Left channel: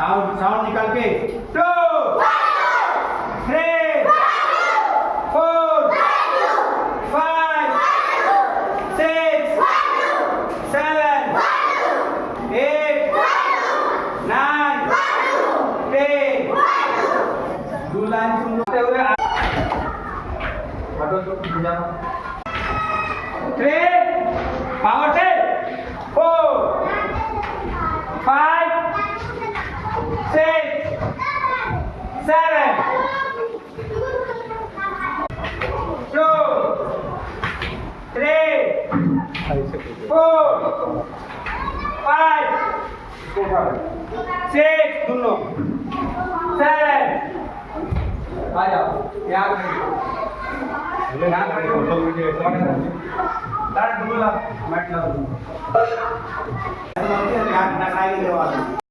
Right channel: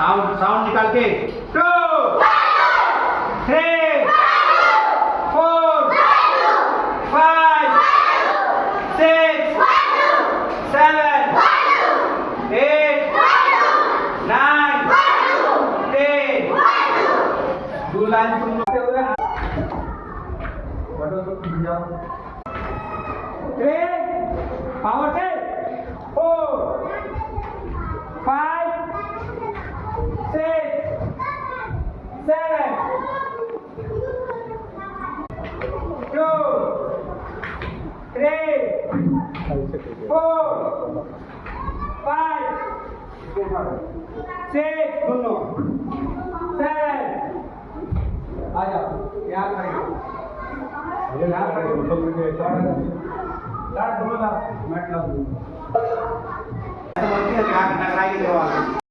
साउंड निकाल के 2 3 4 5 6 7 8 9 10 दो लाइन तुम लोग हुए ऑटो तो जाओ 3 पावर से 4 5 6 7 2 3 4 5 6 दोनों 7 आ जाओ यहाँ मैट ला